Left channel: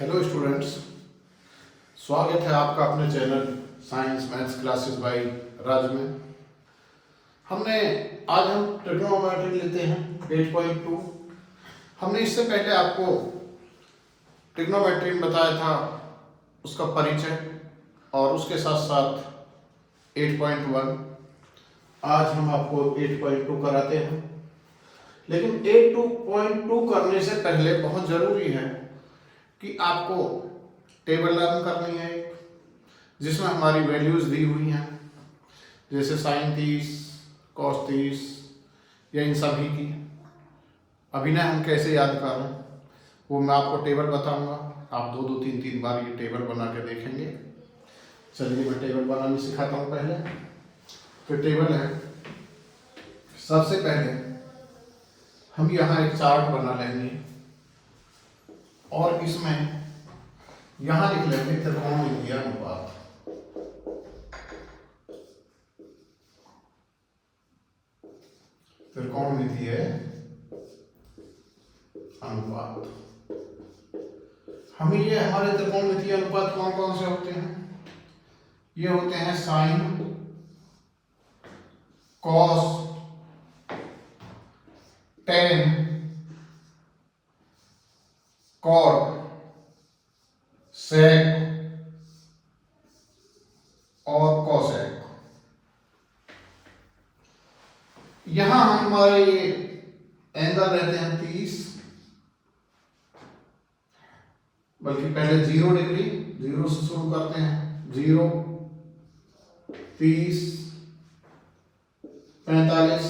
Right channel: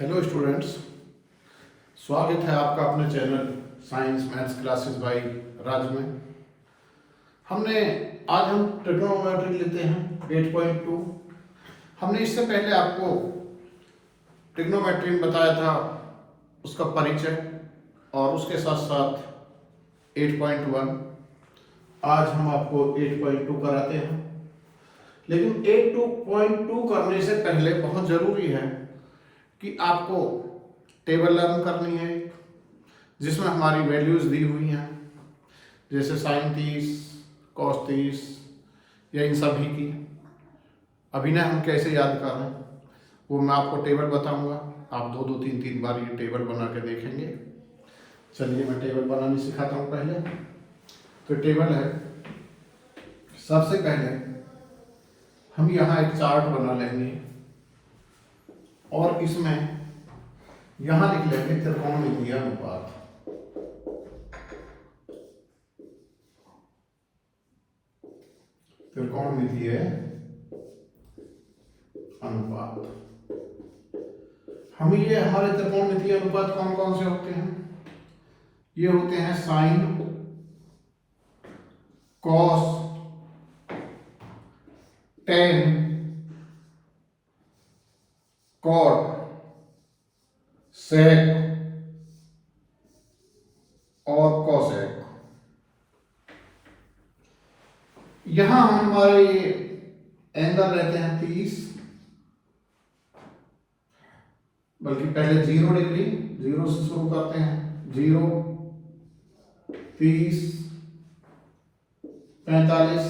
Hello students, स्वागत है आपका अपने channel science maths classes by Raj में। आज हम ट्रिग्नोमेट्री लेते हैं 8.2। हमने इससे पहले आपको ट्रिग्नोमेट्री में बताया था उसका परिचय और उसके साथ साथ 8.1। आज हम आपको 8.2 कराते हैं, लेकिन 8.2 करने से पहले बहुत ज़रूरी है कि आपको टेबल लर्न करनी है जिसमें हमारी वैल्यूज़ दी हुई हैं, जैसे साइन 30, कॉस 30 या इन सभी की अभिनय हम कैसे याद कर रहे हैं वो मैं आपको टेबल बताऊंगा। आप दो तीन तीन बार ये टेबल बना के देखेंगे। चलिए मैं टेबल बनानी सिखाता हूँ। पहले तो टेबल है, सबसे पहले हम यहाँ एक चार्ट बना लेंगे और इसमें यहां लिख लेंगे त्रिकोणमितीय अनुपात। त्रिकोणमितीय अनुपात हमारे त्रिकोणमितीय अनुपात कौन कौन से होते हैं? ये होते हैं साइन, कॉस, टेन, कॉट, सेक और कोसेक। यहां हमारे एंगल रहते हैं 30, बल्कि पहले 0 डिग्री, 0 से शुरू करते हैं। 0, 30, 45,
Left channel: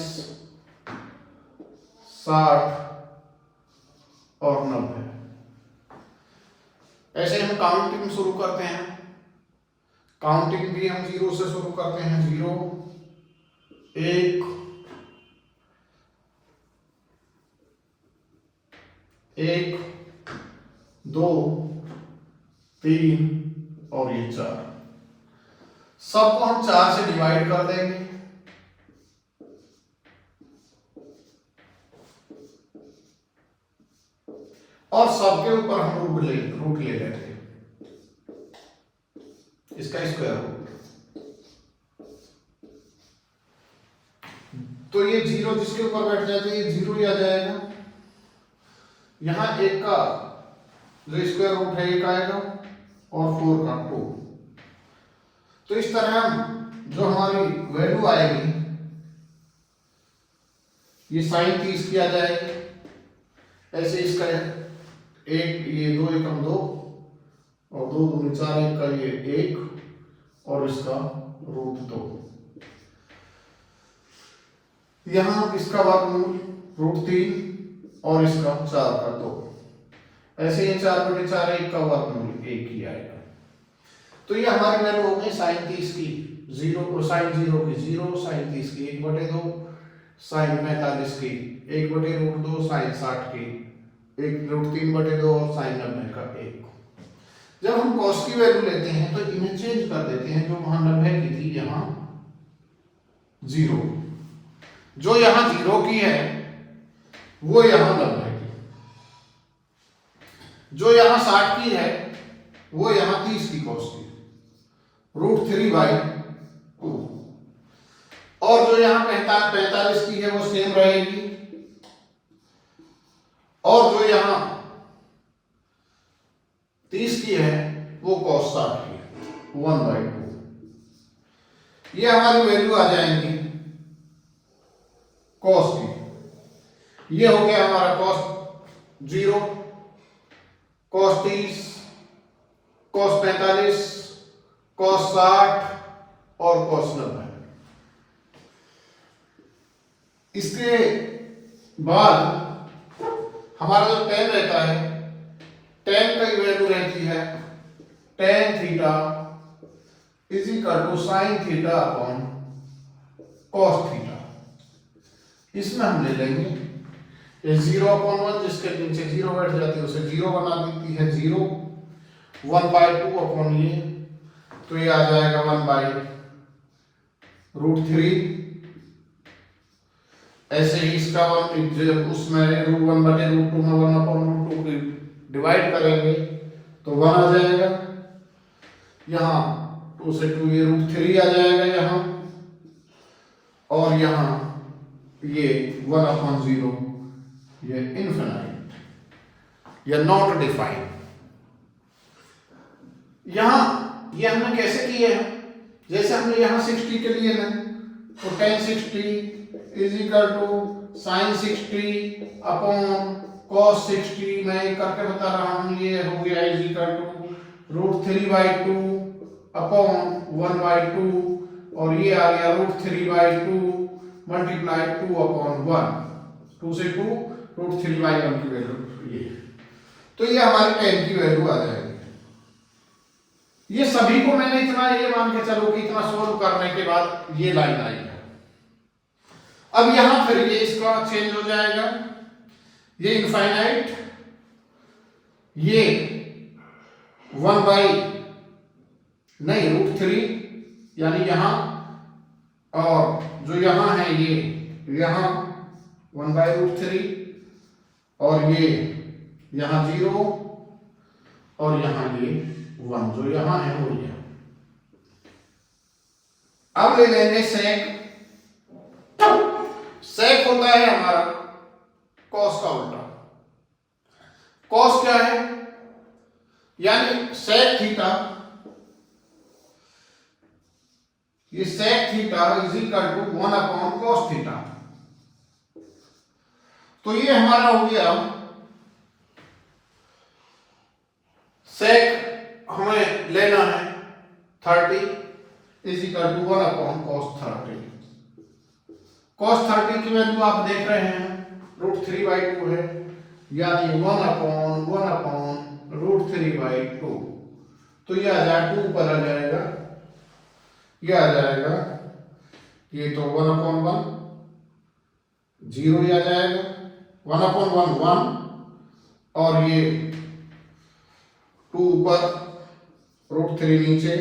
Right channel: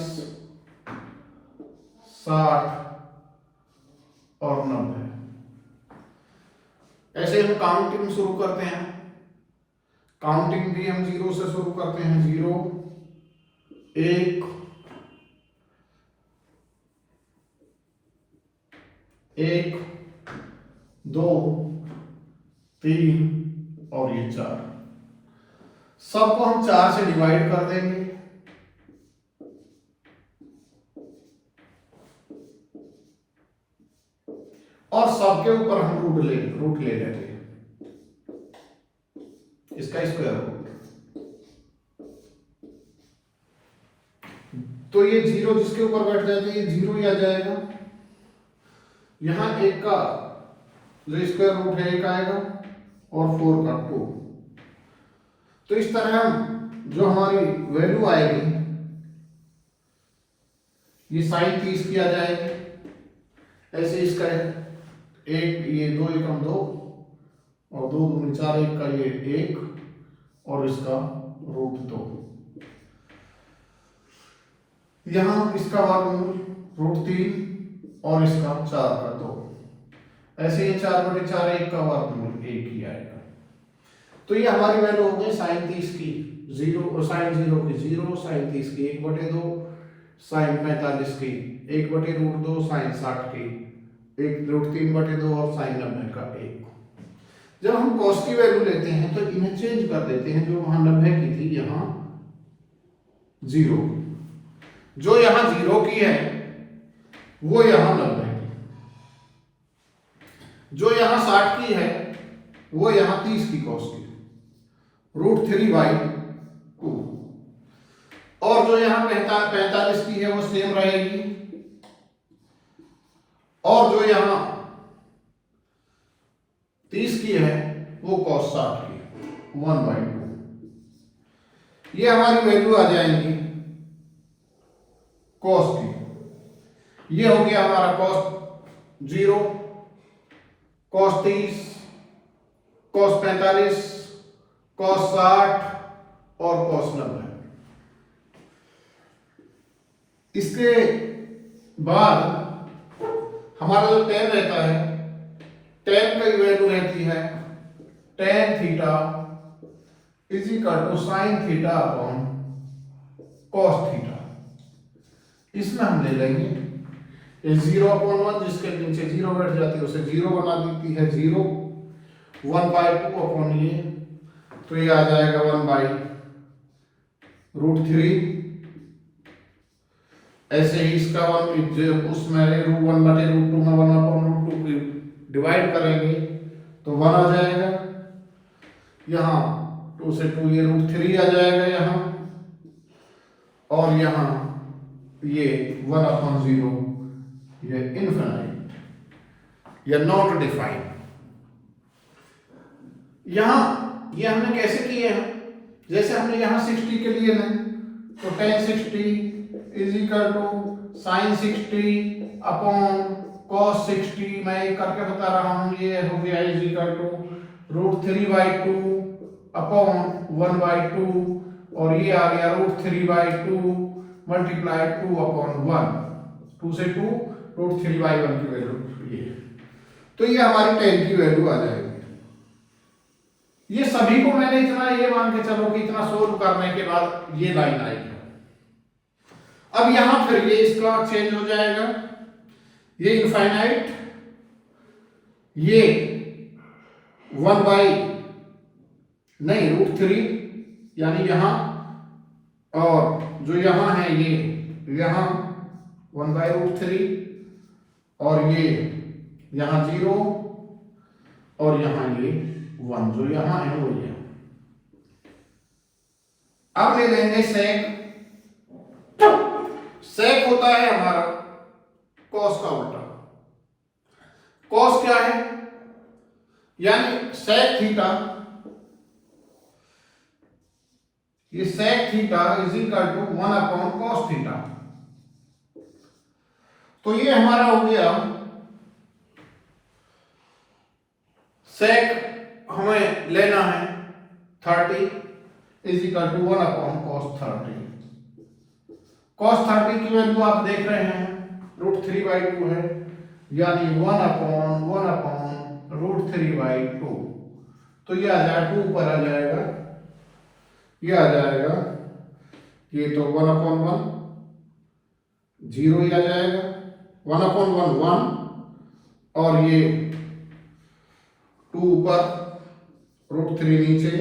60 और 90। ऐसे हम काउंटिंग शुरू करते हैं। काउंटिंग भी हम 0 से शुरू करते हैं। 0, 1, 2, 3 और ये 4। सबको हम 4 से डिवाइड कर देंगे। और सबके ऊपर हम रूट ले लेंगे, इसका स्क्वायर रूट। तो ये 0 जिसके ऊपर बैठ जाते हैं, ये 0 ही आ जाएगा। यहां 1 का जो स्क्वायर रूट है 1 आएगा और 4 का 2। तो इस तरह हम जो हमारी वैल्यू आएगी ये साइन 30 की आ जाएगी। ऐसे इसका एक, ये 2 एकम 2 और 2 दूनी 4, 1 का ये 1 और इसका रूट 2। यहां इसका वर्गमूल रूट 3 और इसका 4 का 2। ऐसे ये 4/4, 1 का वर्गमूल 1 ही आएगा। तो ये हमारी वैल्यू हो गई साइन 30 की 0, साइन 0 की 0, साइन 30 की 1/2, साइन 45 की 1/√2, साइन 60 की 1√3/2 और साइन 90 का 1। जब हम कॉस की वैल्यू लेते हैं तो इन्हें चेंज कर देते हैं। जो वहां 90 की थी यहां 0, जो यहां 0 की है वो यहां 90 की, जो यहां 60 की है वो यहां 30 की कॉस की √3/2, और जो यहां 45 की है वो सेम रहेगी, और जो यहां 30 की है वो cos 60 की है 1/2। ये हमारी वैल्यू आ जाएंगी cos की। ये हो गया हमारा cos 0, cos 30, cos 45, cos 60 और cos 90। इसके बाद हमारा जो tan रहता है, tan की वैल्यू रहती है tan theta = sin theta upon cos theta. इसमें हम ले लेंगे ये 0/1, जिसके नीचे 0 बैठ जाती है उसे 0 बना देती है 0, 1/2 अपॉन ये, तो ये आ जाएगा 1/√3। ऐसे ही इसका उसमें √1/√2 में 1/√2 डिवाइड करेंगे तो 1 आ जाएगा, यहाँ 2 से 2 ये √3 आ जाएगा यहाँ, और यहाँ ये 1/0 ये इनफिनाइट या नॉट डिफाइंड। यहाँ ये हमने कैसे किए हैं, जैसे हमने यहाँ 60 के लिए ना, तो tan 60 is equal to sin 60 upon cos 60, मैं ये करके बता रहा हूँ, ये हो गया इज इक्वल टू √3/2 अपॉन 1/2, और ये आ गया √3/2 मल्टीप्लाई 2/1, 2 से 2 √3/1 की वैल्यू ये, तो ये हमारी tan की वैल्यू आ जाएगी। ये सभी को मैंने इतना ये मान के चलो कि इतना सोल्व करने के बाद ये लाइन आई है। अब यहां फिर ये इसका चेंज हो जाएगा, ये इनफाइनाइट, ये 1/√3 यानी यहां, और जो यहां है ये यहां 1/√3, और ये यहां 0, और यहां ये 1, जो यहां है वो ये। अब ले लेंगे सेक। सेक होता है हमारा कॉस का उल्टा। कॉस क्या है, यानी सेक थीटा, ये sec theta is equal to 1/cos theta. तो ये हमारा हो गया सेक, हमें लेना है 30 is equal to 1/cos 30। cos 30 की वैल्यू आप देख रहे हैं √3/2 है, यानी 1/√3/2, तो ये आ जाएगा 2 ऊपर आ जाएगा, ये आ जाएगा, ये तो 1/1 0 ही आ जाएगा, 1/1 1, और ये 2 ऊपर √3 नीचे,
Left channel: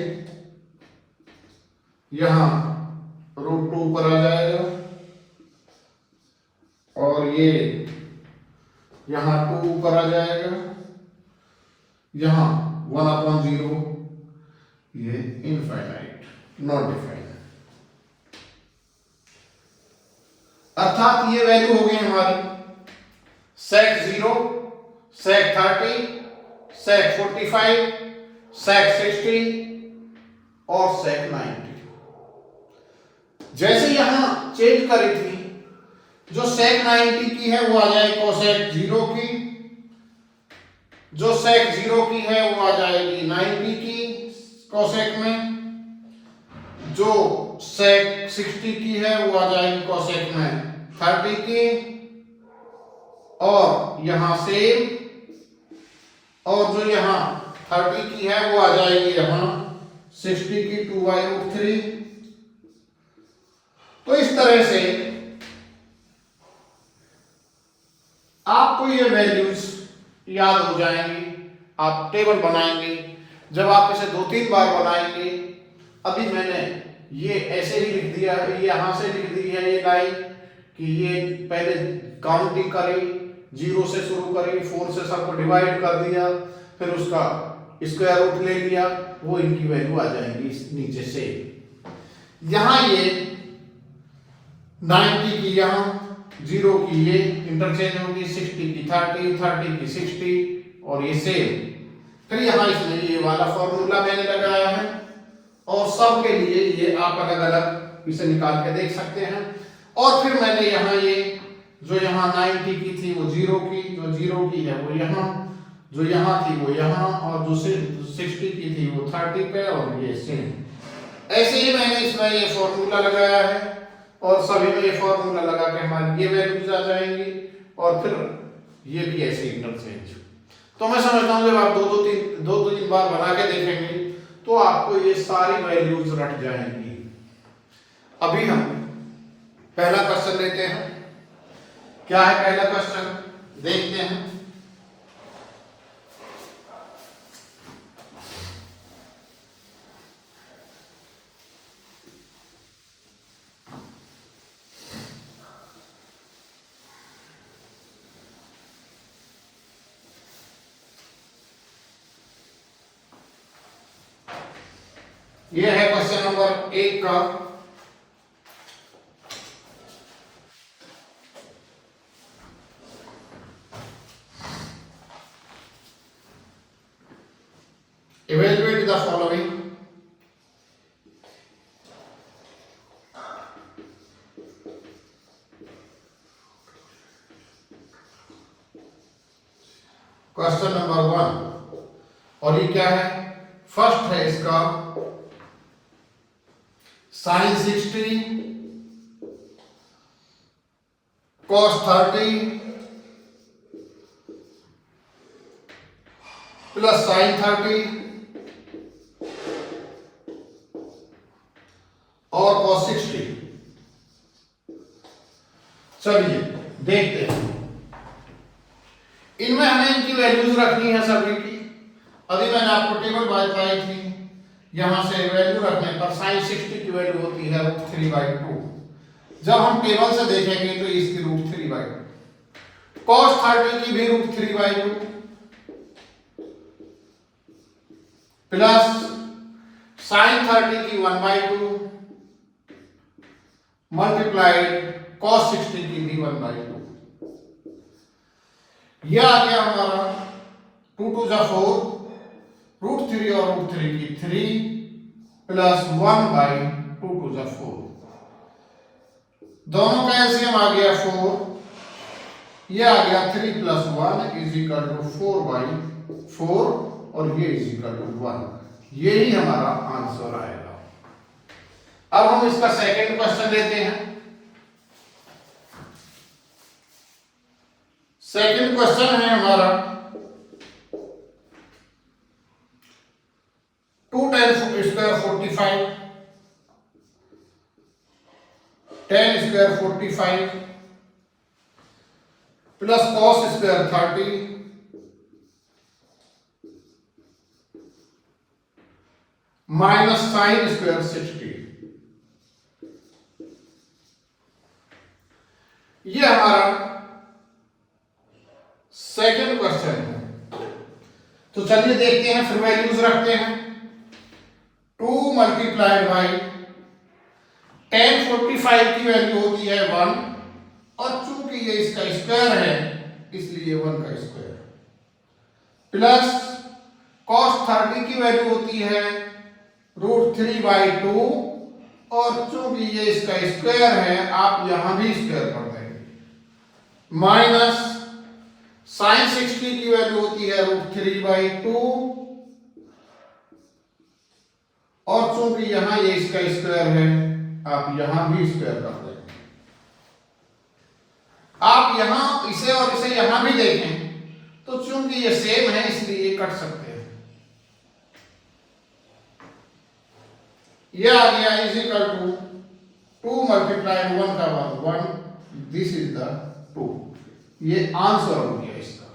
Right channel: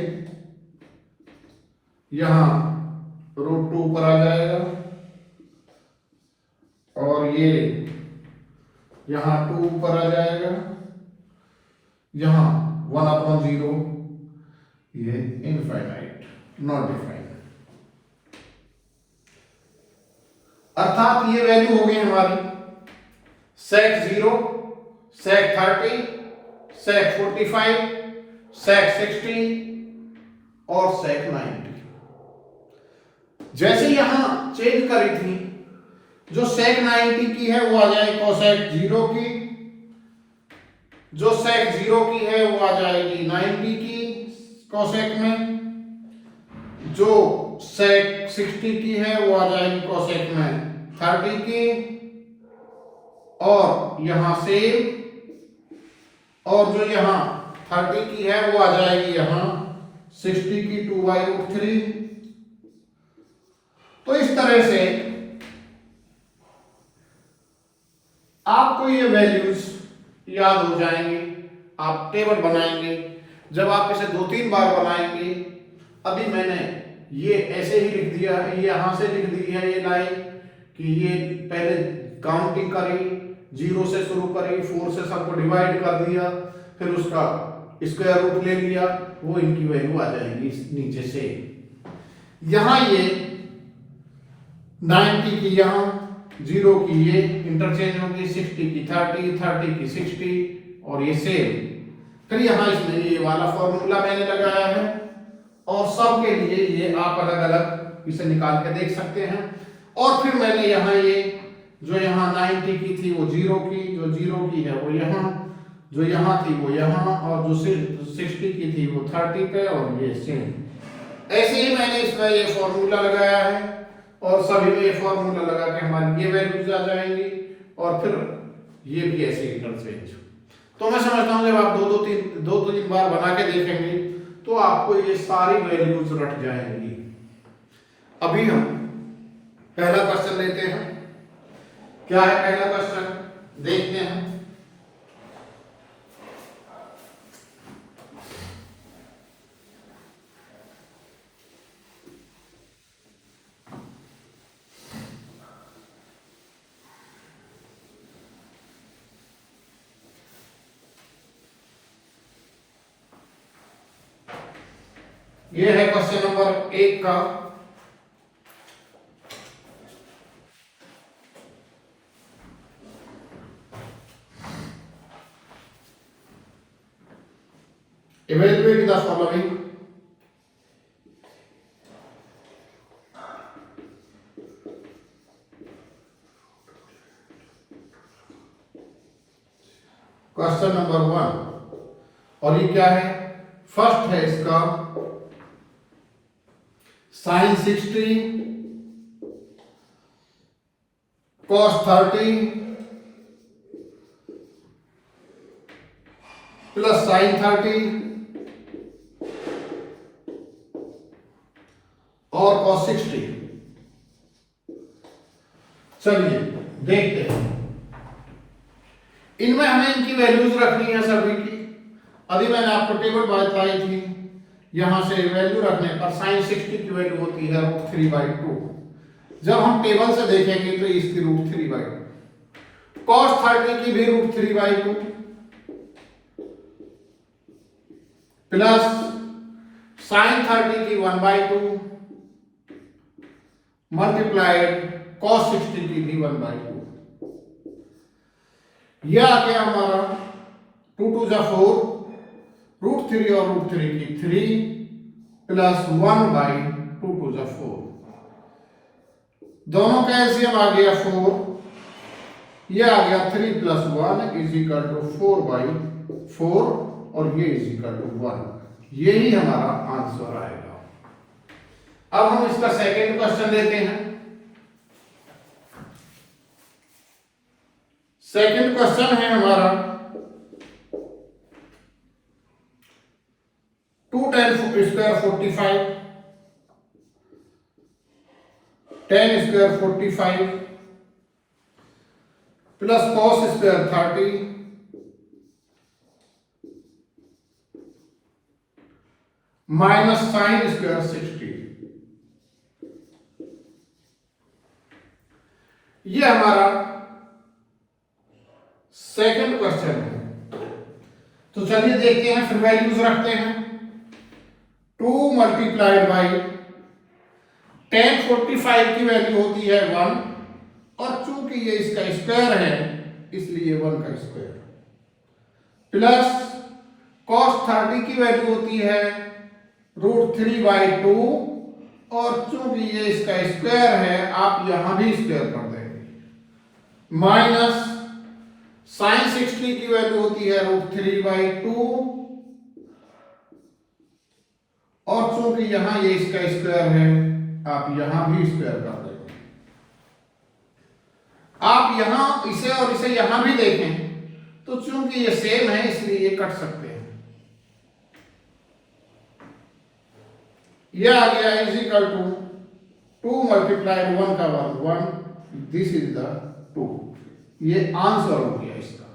यहां √2 ऊपर आ जाएगा, और ये यहां 2 ऊपर आ जाएगा, यहां 1/0, ये इनफाइनाइट नॉट डिफाइंड। अर्थात ये वैल्यू हो गई हमारी सेक 0, सेक 30, सेक 45, सेक 60 और सेक 90। जैसे यहां चेंज करी थी, जो सेक 90 की है वो आ जाएगी कोसेक 0 की, जो सेक 0 की है वो आ जाएगी 90 की कोसेक में, जो सेक 60 की है वो आ जाएगी कोसेक में 30 की, और यहां सेम, और जो यहां 30 की है वो आ जाएगी यहां 60 की 2/√3। तो इस तरह से आपको ये वैल्यूज याद हो जाएंगी, आप टेबल बनाएंगे, जब आप इसे 2-3 बार बनाएंगे। अभी मैंने ये ऐसे ही लिख दिया है, यहां से लिख दी है ये लाइन कि ये पहले काउंटिंग करी, 0 से शुरू करी, 4 से सबको डिवाइड कर दिया, फिर उसका स्क्वायर रूट ले लिया, वो इनकी वैल्यू आ जाएगी नीचे से। यहां ये 90 की यहां, 0 की ये इंटरचेंज होगी, 60 की 30, 30 की 60, और ये सेम। फिर यहां इसमें ये वाला फॉर्मूला मैंने लगाया है, और सब के लिए ये आप अलग अलग इसे निकाल के देख सकते हैं। और फिर मैंने यहाँ ये जो यहाँ 90 की थी वो 0 की, जो 0 की है वो यहाँ, जो यहाँ थी वो यहाँ, और जो 60 की थी वो 30 पे, और ये सेम। ऐसे ही मैंने इसमें ये फॉर्मूला लगाया है, और सभी में ये फॉर्मूला लगा के हमारी ये वैल्यूज आ जाएंगी, और फिर ये भी ऐसे इंटरचेंज। तो मैं समझता हूँ जब आप 2-3 बार बना के देखेंगे तो आपको ये सारी वैल्यूज रट जाएंगी। अभी हम पहला क्वेश्चन लेते हैं। क्या है पहला क्वेश्चन, देखते हैं। ये है क्वेश्चन नंबर 1 का। Evaluate the following. Question number 1, और ये क्या है? फर्स्ट है इसका sin 60 cos 30 प्लस sin 30 और cos 60। चलिए देखते हैं, इनमें हमें इनकी वैल्यूज रखनी है सभी की। अभी मैंने आपको टेबल बताई थी, यहां से वैल्यू रखने पर sin 60 की वैल्यू होती है √3/2। जब हम टेबल से देखेंगे तो इसकी √3/2, cos 30 की भी √3/2 प्लस sin 30 की 1/2 मल्टीप्लाइड cos 60 की भी 1/2। यह आ गया हमारा 2 2 जा 4, √3 और √3 की 3 प्लस 1/2 2 जा 4। दोनों का एलसीएम आ गया 4, यह आ गया 3 प्लस 1 इज इक्वल टू 4/4 और ये इज इक्वल टू 1। यही हमारा आंसर आएगा। अब हम इसका सेकंड क्वेश्चन लेते हैं। सेकंड क्वेश्चन है हमारा 2 tan square 45 tan square 45 plus cos square 30 minus sin square 60। ये हमारा सेकंड क्वेश्चन है। तो चलिए देखते हैं, फिर वैल्यूज रखते हैं। 2 मल्टीप्लाइड बाई tan 45 की वैल्यू होती है 1, और चूंकि ये इसका स्क्वायर है इसलिए 1 का स्क्वायर, प्लस cos 30 की वैल्यू होती है √3/2, और चूंकि ये इसका स्क्वायर है आप यहां भी स्क्वायर कर देंगे, माइनस sin 60 की वैल्यू होती है √3/2, और चूंकि यहां ये इसका स्क्वायर है आप यहां भी स्क्वायर कर देंगे। आप यहां इसे और इसे यहां भी देखें तो चूंकि ये सेम है इसलिए ये कट सकते हैं। यह आ गया इज इक्वल टू 2 मल्टीप्लाइड 1 का 1, दिस इज द 2। ये आंसर हो गया इसका।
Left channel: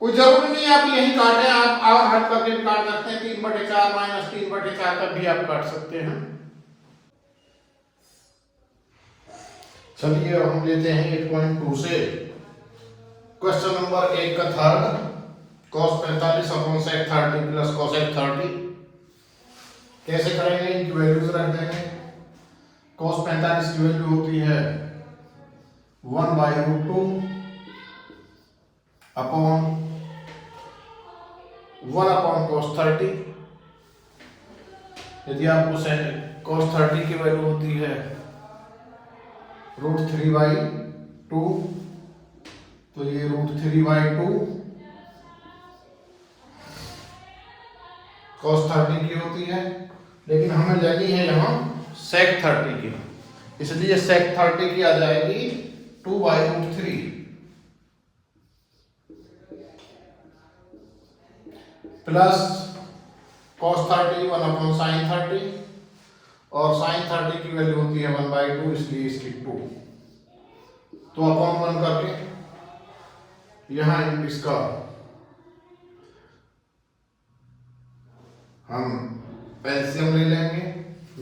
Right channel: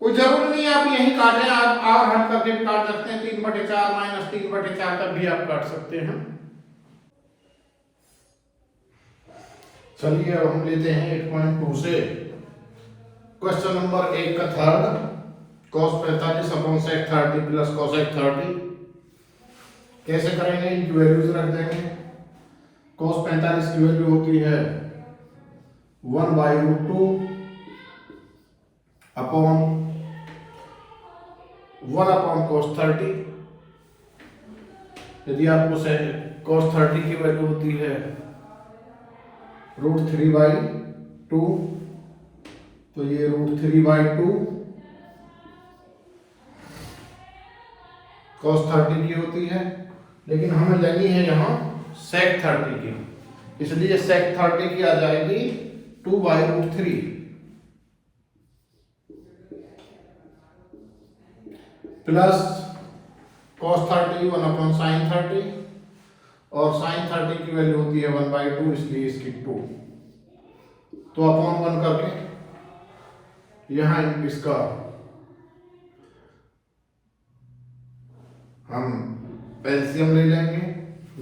कोई जरूरी नहीं आप यही काटें, आप हट करके काट सकते हैं। 3/4 माइनस 3/4 तक भी आप काट सकते हैं। चलिए हम लेते हैं 8.2 से क्वेश्चन नंबर 1 का third, cos 45 upon sec 30 plus cosec 30। कैसे करेंगे? इनकी वैल्यूज रख देंगे। cos 45 की वैल्यू होती है 1/√2 अपॉन 1 अपॉन cos 30। यदि आपको cos 30 की वैल्यू होती है √3/2 तो ये √3/2 cos 30 की होती है, लेकिन हमें लेनी है यहाँ sec 30 की, इसलिए sec 30 की आ जाएगी 2/√3 प्लस cos 30 1 अपॉन sin 30, और sin 30 की वैल्यू होती है 1/2 इसलिए इसकी 2, तो अपॉन 1 करके यहाँ इसका हम एलसीएम ले लेंगे।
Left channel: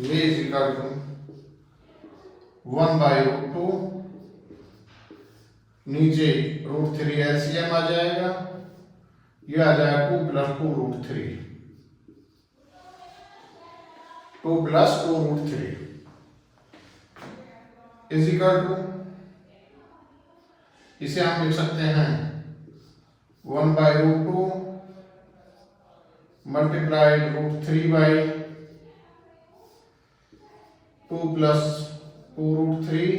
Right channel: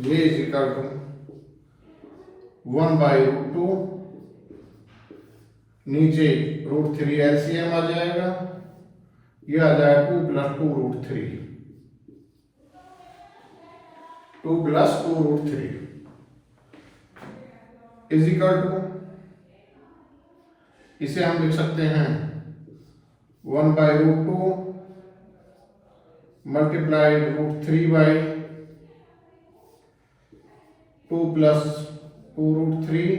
ये इज इक्वल टू 1/√2, नीचे √3 एलसीएम आ जाएगा, ये आ जाएगा 2 + 2 √3। 2 प्लस 2√3 इज इक्वल टू, इसे हम लिख सकते हैं 1/√2 मल्टीप्लाइड √3 बाई 2 प्लस 2√3।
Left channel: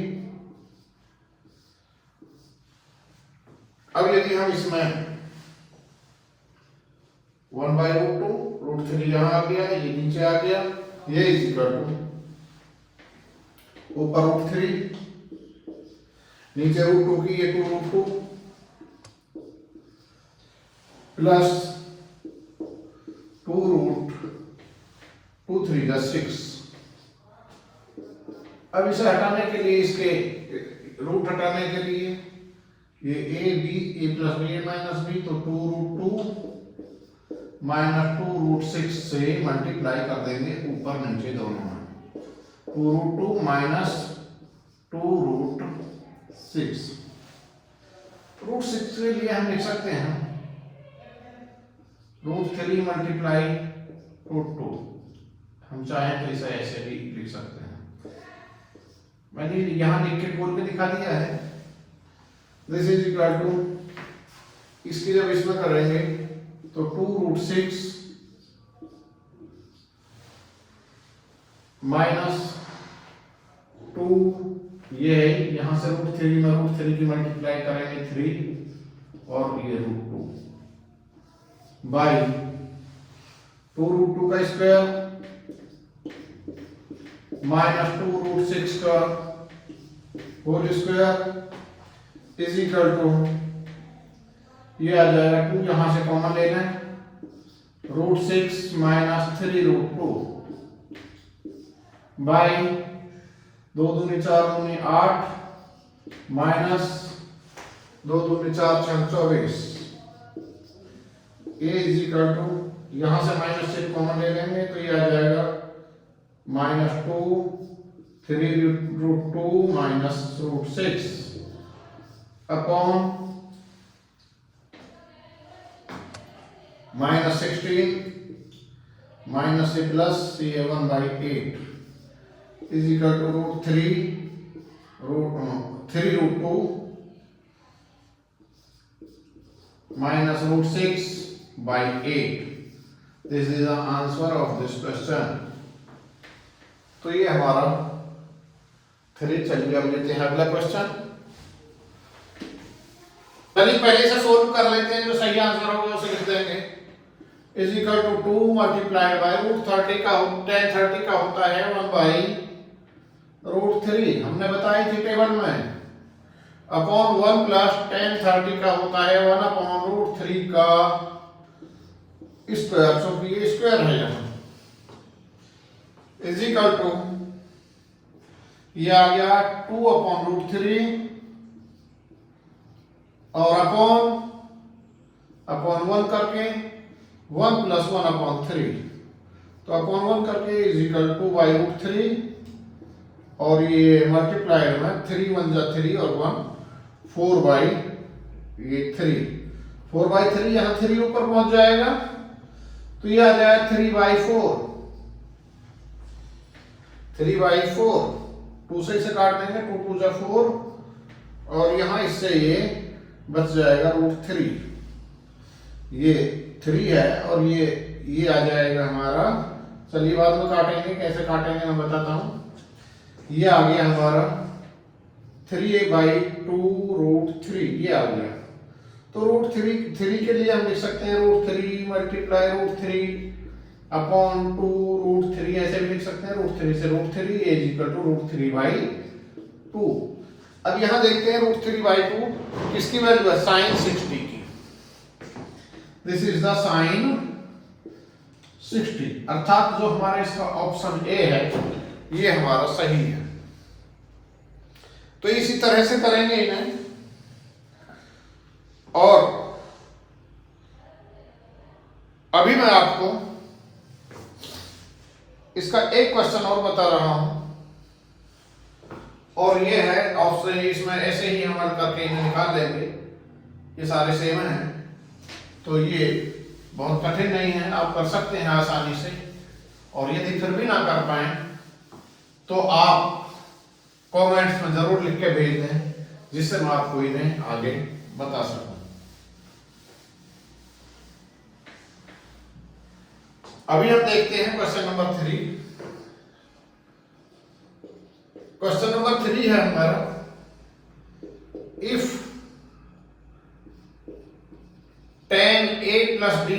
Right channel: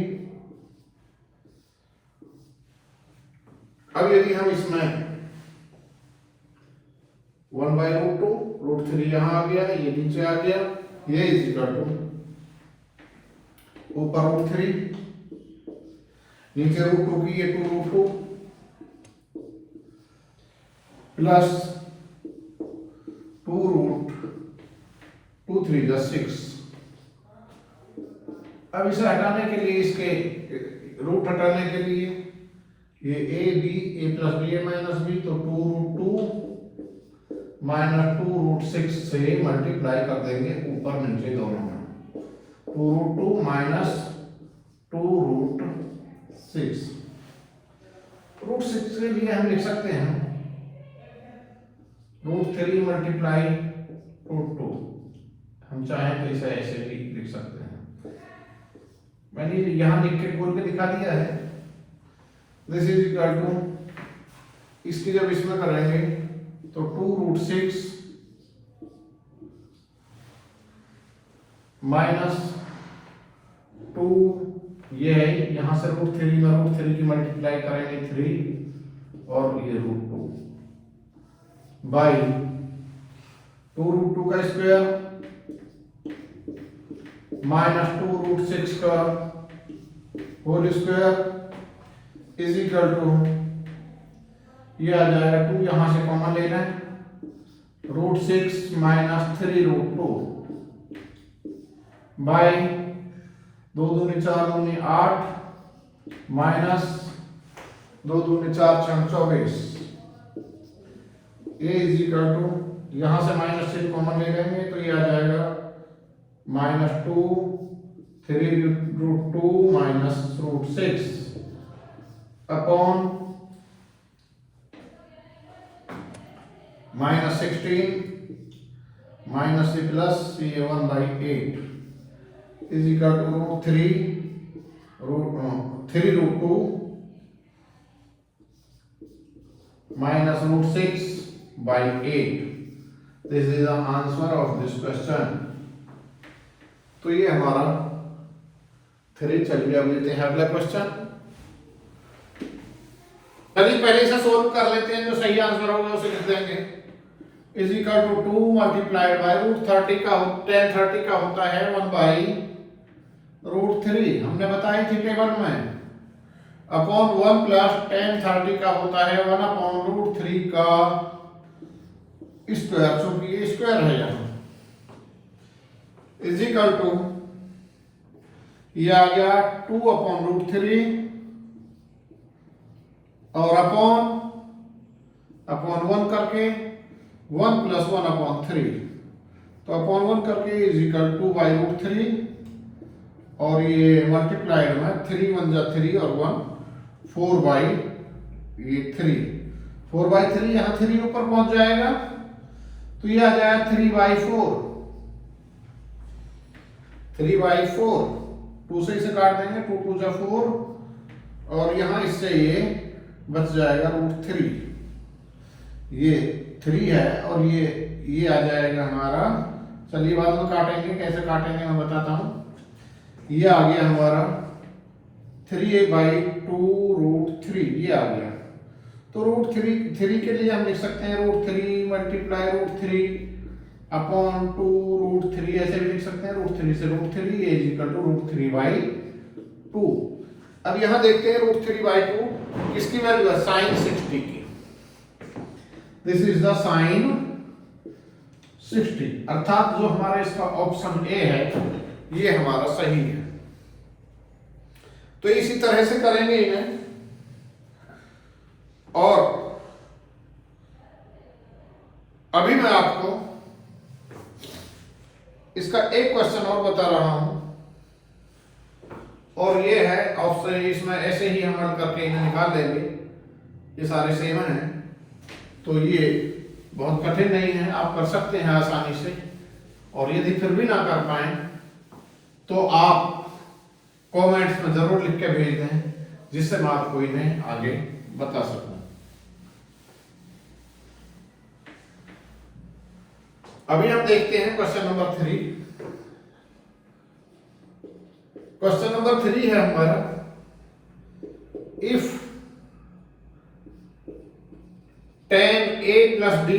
अब यदि हम इसमें 1/√2 √3 यहां आ गया, ये नीचे आ गया, ये इज इक्वल टू ऊपर √3 नीचे √2 की ये 2√2 प्लस 2√2 3 6। अब इसे हटाने के लिए, इसके रूट हटाने के लिए ये a plus B a minus B, तो 2√2 माइनस 2√6 से मल्टीप्लाई कर देंगे ऊपर नीचे दोनों में। 2√2 माइनस 2√6, √6 के लिए हम लिख सकते हैं √3 मल्टीप्लाई √2। हम चाहें तो इसे ऐसे भी लिख सकते हैं, मैंने यहां लिख के बोल के दिखा दिया है। दिस इज इक्वल टू, इसकी जब इसमें करेंगे तो 2√6 माइनस 2, ये है, यहां से √3 में √3 की मल्टीप्लाई करेंगे 3 और ये √2 बाई 2√2 का स्क्वायर माइनस 2√6 का whole square is equal to, ये आ जाएगा 2 यहां से कॉमन लेना है, √6 माइनस 3√2 बाई 2 दूनी 4 दूनी 8 माइनस 2 दूनी 4 24। ए इज इक्वल टू, यहां से माइनस 6 कॉमन ले लेंगे तो ये आ जाएगा -2 3√2 माइनस √6 अपॉन -16 माइनस से प्लस ये 1/8 is equal to √3√2 minus √6/8। This is the answer of this question। तो ये हमारा 3। चलिए अब लेते हैं अगला क्वेश्चन। चलिए पहले से सोल्व कर लेते हैं, जो सही आंसर होगा उसे लिख देंगे। Is equal to 2 multiplied by √30 का 1030 का होता है 1/√3, हमने बताई थी टेबल में, अपॉन 1 प्लस 1030 का होता है 1/√3 का स्क्वायर, क्योंकि ये स्क्वायर है यहाँ, इज इक्वल टू ये आ गया 2/√3 और अपॉन 1 करके 1 प्लस 1/3, तो अपॉन 1 करके इज इक्वल टू √3 और ये मल्टीप्लाइड में 3 1 जा 3 और 1 4/3, 4/3 यहाँ 3 ऊपर पहुंच जाएगा तो ये आ जाएगा 3/4, 3/4, 2 से इसे काट देंगे, 2 2 जा 4 और यहाँ इससे ये बच जाएगा √3, ये 3 है और ये आ जाएगा हमारा। चलिए बाद में काटेंगे, कैसे काटेंगे मैं बताता हूँ। ये आ गया हमारा 3/2√3, ये आ गया। तो √3 के लिए हम लिख सकते हैं √3 मल्टीप्लाई √3 अपॉन 2√3, ऐसे भी लिख सकते हैं √3 से √3 इज इक्वल टू √3/2। अब यहां देखते हैं √3/2 किसकी वैल्यू है, sin 60 की। दिस इज द sin 60, अर्थात जो हमारा इसका ऑप्शन ए है ये हमारा सही है। तो इसी तरह से करेंगे इन्हें। और अभी मैं आपको इसका एक क्वेश्चन और बता रहा हूं, और ये है ऑप्शन, इसमें ऐसे ही हम हल करके निकाल लेंगे, ये सारे सेम हैं, तो ये बहुत कठिन नहीं है, आप कर सकते हैं आसानी से। और यदि फिर भी ना कर पाए तो आप कमेंट्स में जरूर लिख के भेज दें, जिससे मैं आपको इन्हें आगे बता सकूं। अभी हम देखते हैं क्वेश्चन नंबर 3। क्वेश्चन नंबर 3 है हमारा, if tan a plus b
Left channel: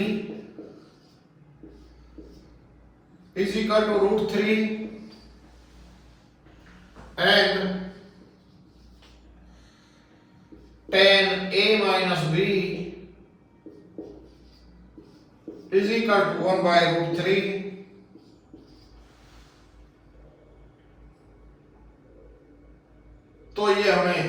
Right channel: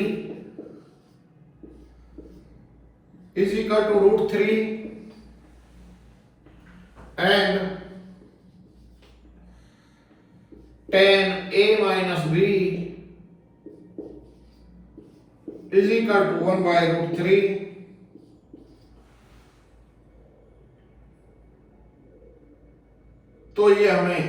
is equal to √3 and tan a minus b is equal to 1/√3, तो ये हमें,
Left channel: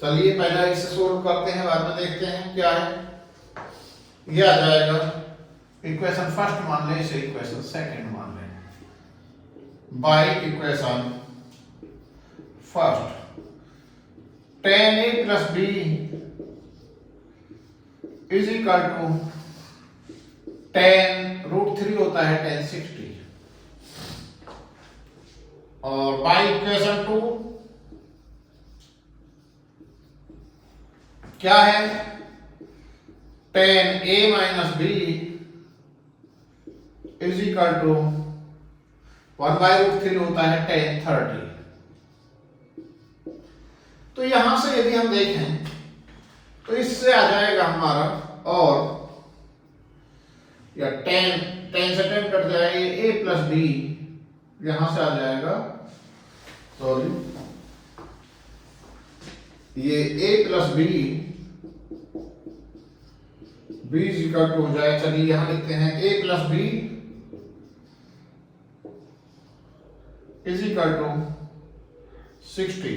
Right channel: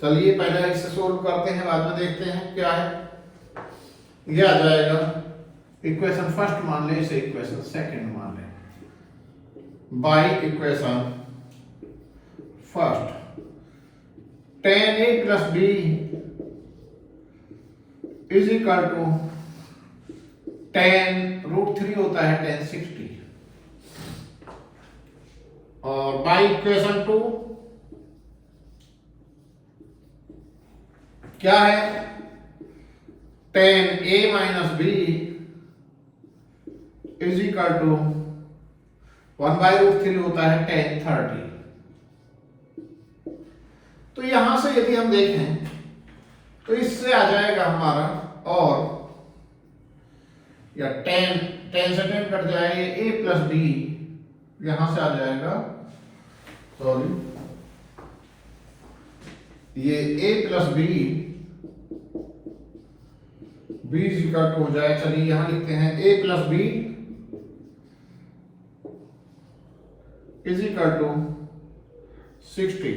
चलिए पहले इसे सोल्व करते हैं, बाद में देखते हैं क्या है। ये आ जाएगा इक्वेशन फर्स्ट मान लें, इसे इक्वेशन सेकंड मान लें। By equation first tan a plus b is equal to tan √3 होता है tan 60, और बाय इक्वेशन 2 क्या है, tan a minus b is equal to 1/√3 होता है tan 30। तो यहां से यदि हम देखें तो इससे आ जाएगा हमारा, और या tan से tan कट जाएगा, a प्लस b यहां से आ जाएगा, सॉरी ये a plus b is equal to हो जाएगा, चलिए यहां लिखते हैं a plus b is equal to 60।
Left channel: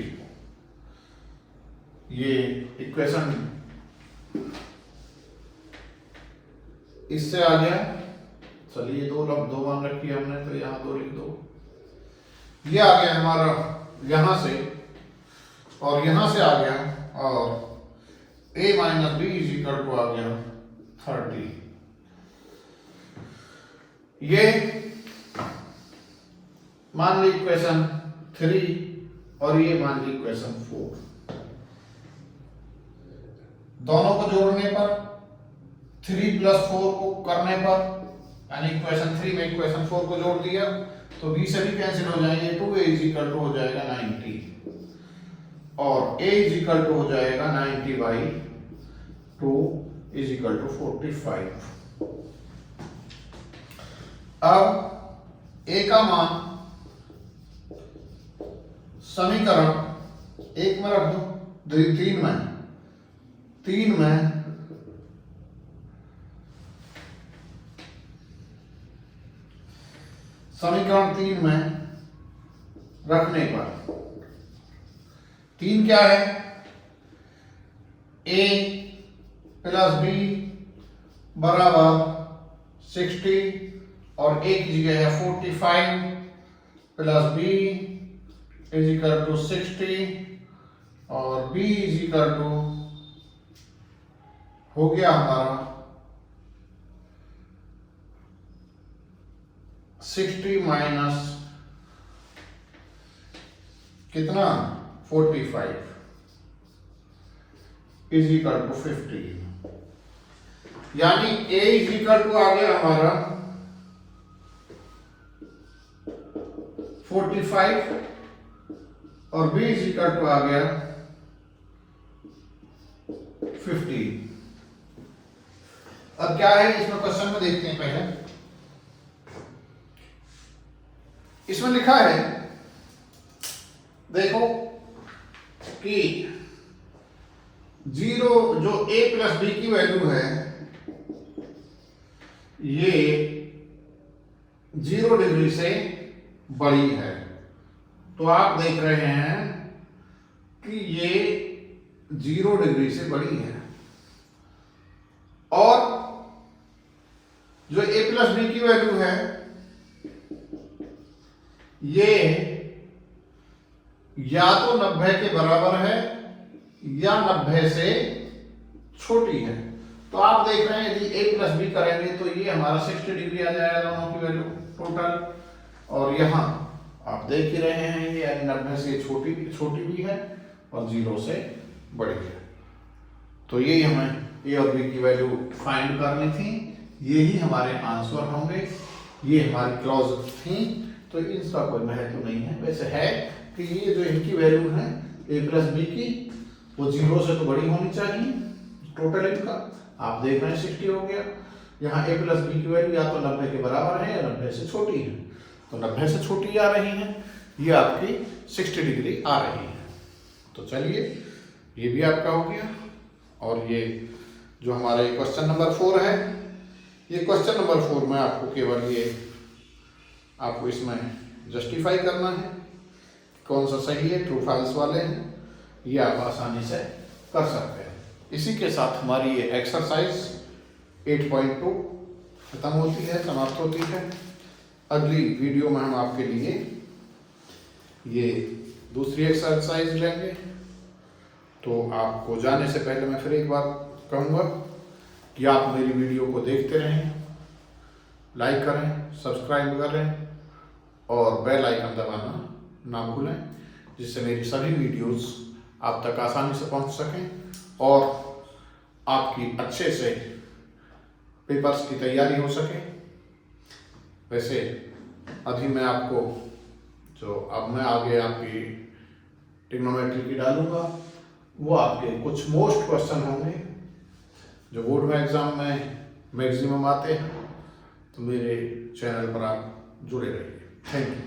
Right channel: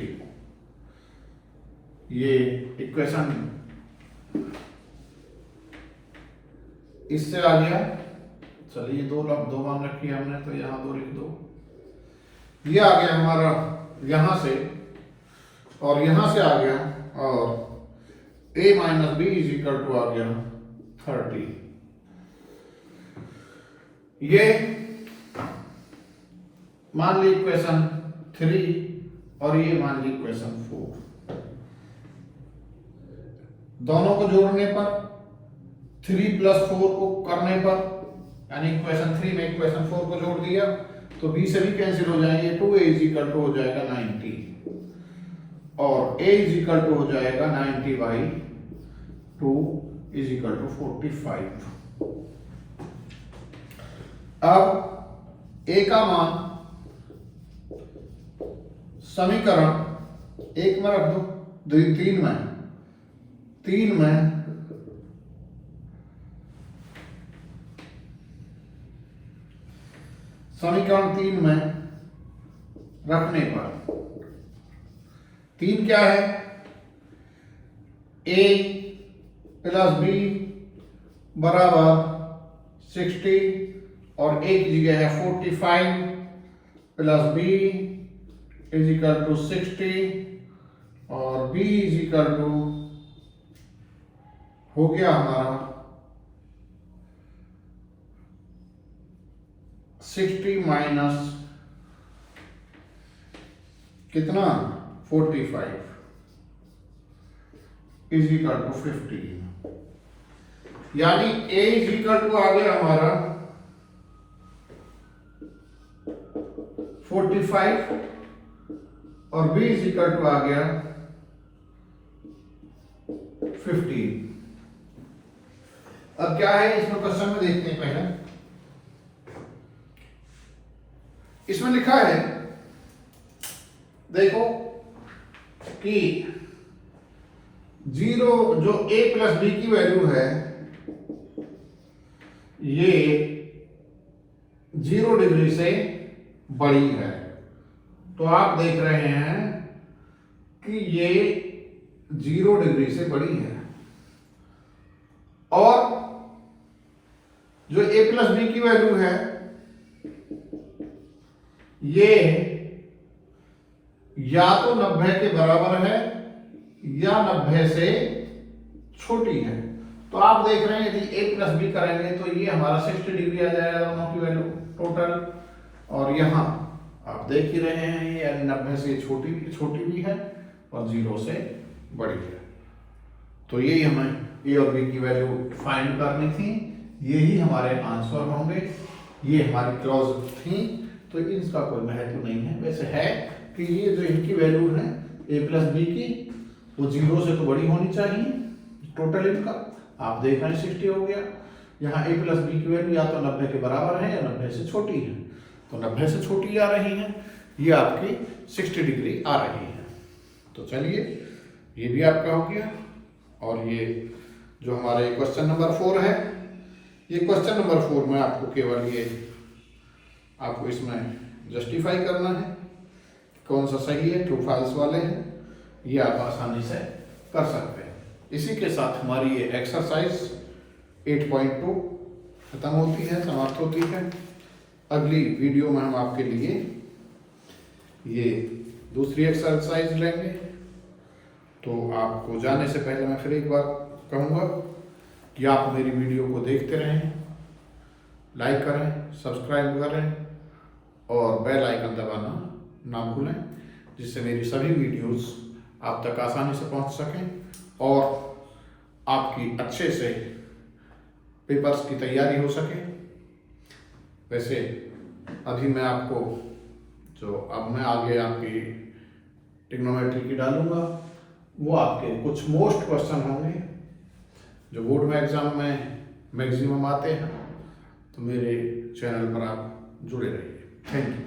ये इक्वेशन इससे आ गया, चलिए दो मान रखी हमने, तो यहां 2 लिख दो। ये आ गया हमारा यहां से, और यहां से आ गया, और a minus b is equal to आ गया 30। ये मान ली इक्वेशन 3 और ये मान ली इक्वेशन 4। दोनों को जोड़ने पर 3 प्लस 4 को करने पर, यानी इक्वेशन 3 में इक्वेशन 4 को जोड़ दिया तो b से भी कैंसिल हो जाएंगे, 2a इज इक्वल टू हो जाएगा 90, और a इज इक्वल टू हो जाएगा 90/2 इज इक्वल टू 45। अब a का मान समीकरण 1 में रख दो, 3 में समीकरण 3 में रखने पर 3 क्या है, a प्लस b बराबर 60, और a की जगह है 45 plus b is equal to 60, और b इज इक्वल टू हो गया हमारा 60 माइनस कितना 45 इज इक्वल टू 15, यानी a इज इक्वल टू आ गया हमारा 45 और b इज इक्वल टू आ गया 15। अब क्या है इसमें क्वेश्चन में देखते हैं। पहले इसमें लिखा है, देखो कि 0 जो a प्लस b की वैल्यू है ये 0 डिग्री से बड़ी है, तो आप देख रहे हैं कि ये 0 डिग्री से बड़ी है, और जो a प्लस बी की वैल्यू है ये या तो 90 के बराबर है या 90 से छोटी है। तो आप देख रहे हैं यदि a प्लस बी करेंगे तो ये हमारा 60 डिग्री आ जाएगा दोनों की वैल्यू टोटल। और यहाँ आप देख ही रहे हैं ये 90 से छोटी भी है और 0 से बड़ी है। तो यही हमें a और b की वैल्यू फाइंड करनी थी, यही हमारे आंसर होंगे, ये हमारी क्लॉज थी। तो इसका कोई महत्व नहीं है, वैसे है कि ये जो इनकी वैल्यू है a प्लस बी की वो 0 से तो बड़ी होनी चाहिए। टोटल इनका आप देख रहे हैं 60 हो गया। यहाँ a प्लस बी की वैल्यू या तो 90 के बराबर है या 90 से छोटी है, तो 90 से छोटी आ रही है, ये आपकी 60 डिग्री आ रही है। तो चलिए ये भी आपका हो गया। और ये जो हमारे क्वेश्चन नंबर 4 है, ये क्वेश्चन नंबर 4 में आपको केवल ये आपको इसमें जस्टिफाई करना है कौन सा सही है, ट्रू फॉल्स वाले हैं, ये आप आसानी से कर सकते हैं। इसी के साथ हमारी ये एक्सरसाइज 8.2 खत्म होती है, समाप्त होती है। अगली वीडियो में हम आपके लिए ये दूसरी एक्सरसाइज लेंगे। तो आपको जाने से पहले मैं फिर एक बार कहूँगा कि आप मेरी वीडियो को देखते रहें, लाइक करें, सब्सक्राइब करें और बेल आइकन दबाना ना भूलें, जिससे मेरी सभी वीडियोस आप तक आसानी से पहुंच सकें और आपकी अच्छे से पेपर्स की तैयारी हो सके। वैसे अभी मैं आपको जो अब मैं आगे आपकी ट्रिग्नोमेट्री की डालूंगा, वो आपके कुछ मोस्ट क्वेश्चन होंगे जो बोर्ड में एग्जाम में मैक्सिमम आते हैं। तो मेरे चैनल पर आप जुड़े रहिए। Thank you.